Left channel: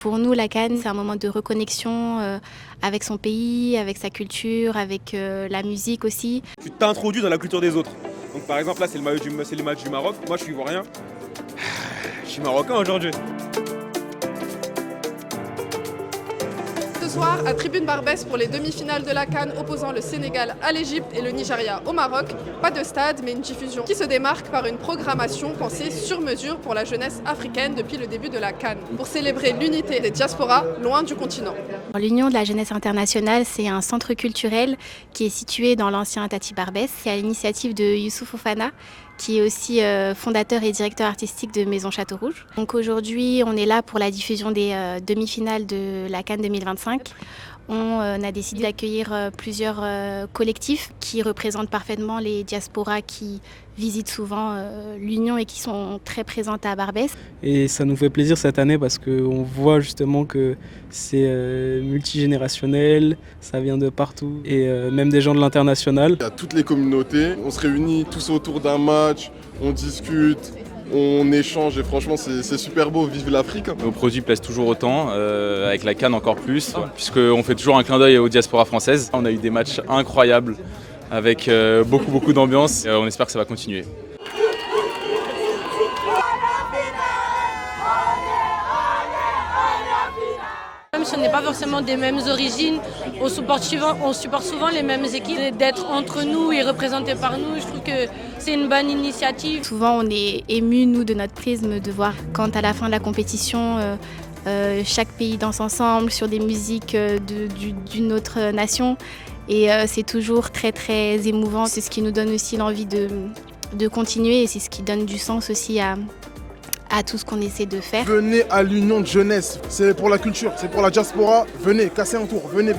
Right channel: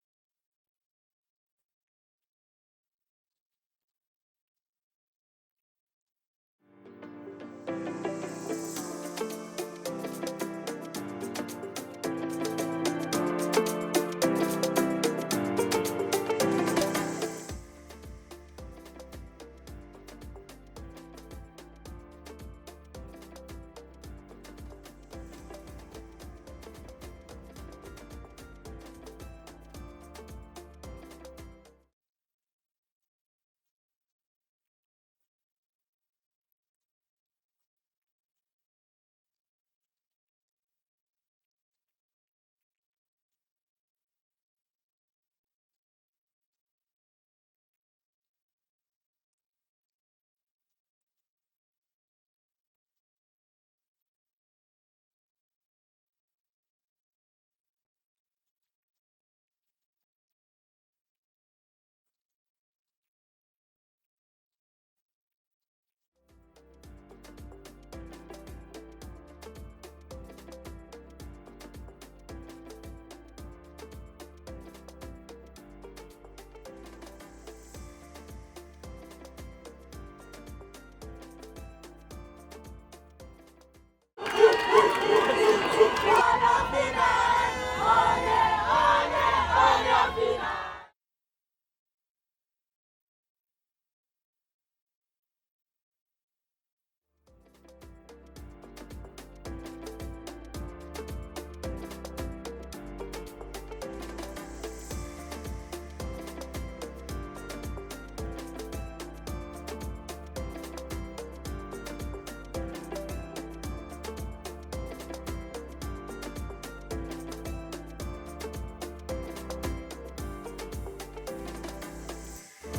Pour nous, la CAN, c'est un moment de reconnexion avec son pays, avec sa culture, avec la musique aussi. Tu t'introduis dans la culture des autres. Donc par exemple là c'est le match du Maroc, moi je suis ivoirien, je suis marocain aujourd'hui. Ce soir, à Tribune Barbès pour les demi-finales de la CAN opposant le Sénégal à l'Égypte et le Nigeria au Maroc. Pas de stade, mais une diffusion qui se démarque par une programmation pensée sur mesure pour la jeunesse africaine depuis le début de la CAN, pour célébrer l'unité des diasporas loin du continent. L'Union de la jeunesse internationale, c'est un centre culturel qui est situé dans l'ancien Tati Barbès. C'est à l'initiative de Youssouf Fofana, qui est aussi fondateur et directeur artistique de Maison Château Rouge. Donc aujourd'hui, on est là pour la diffusion des demi-finales de la CAN 2025. On a décidé d'accueillir plusieurs collectifs qui représentent parfaitement les diasporas qui visitent souvent l'Union et qui sont très présentes à Barbès. Et ça nous fait plaisir cette année parce qu'on voit justement que c'est multigénérationnel, ça vient de partout et même des gens de l'international. Il y a toutes les communautés, on se réunit tous autour d'un match, on discute, on échange et franchement c'est super beau, vive l'Afrique. Nos produits plaisent toujours autant, avec la CAN encore plus, puisqu'on fait toujours un clin d'œil aux diasporas françaises. On a eu des matchs incroyables avec beaucoup d'ambiance, on espère que ça va continuer. Même si on n'est pas forcément des mêmes origines, on supporte souvent les mêmes équipes. D'être entre nous et représentés par nous, je trouve que c'est une bonne initiative. Souvent, on est émus, nous, de notre prisme, de voir quand à la fin de la compétition, chaque pays danse ensemble sur des musiques d'une autre nation. Et c'est toujours très émouvant. C'est ce qui nous donne aussi l'envie de continuer et c'est ce qui donne du sens aussi à tout ce qu'on essaie de faire. Venez à l'Union de jeunesse, c'est pour la culture, c'est pour la diaspora. Venez, cassez un tour, venez.